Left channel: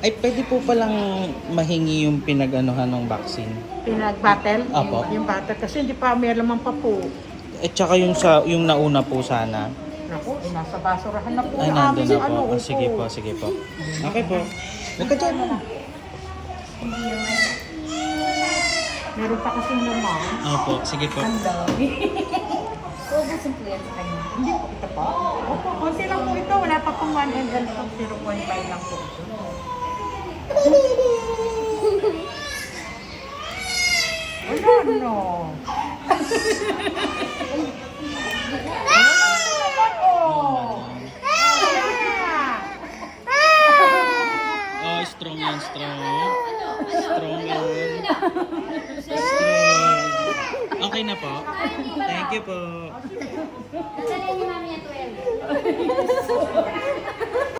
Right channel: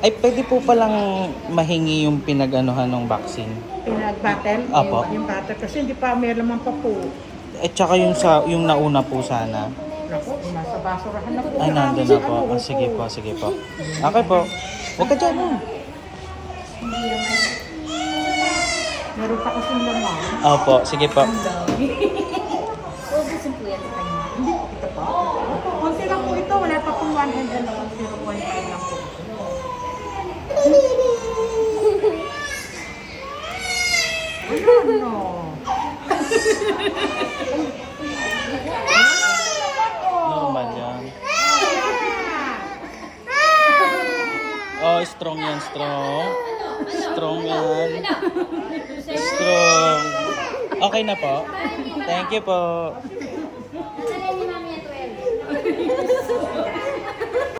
Ay, pwede po palang mahingi yung pinag-anuhan ng vaccine. Pinag-battle? Apo. Yung battle kasi hindi pa may laman pa po. At saka yung nauna po sana. Naku, nasa basurahan na po. Ay, yung nandun aming na po. ano, Ah, sige upo. po, sige po. Okay po. Huwag ka dyan. ah. Meron pa kasing laman. Opo, sige po. Ubusin po yan sa kanya. Hindi, ito pa. Opo, konti lang po ito. Wala pa pong 1 ml po. 0.5 lang po. Ano? Normal yan. Oh, strong yan, strong. Strong yan. Strong. Okay na po. Thank you po. Nakalay ni mami yan 12.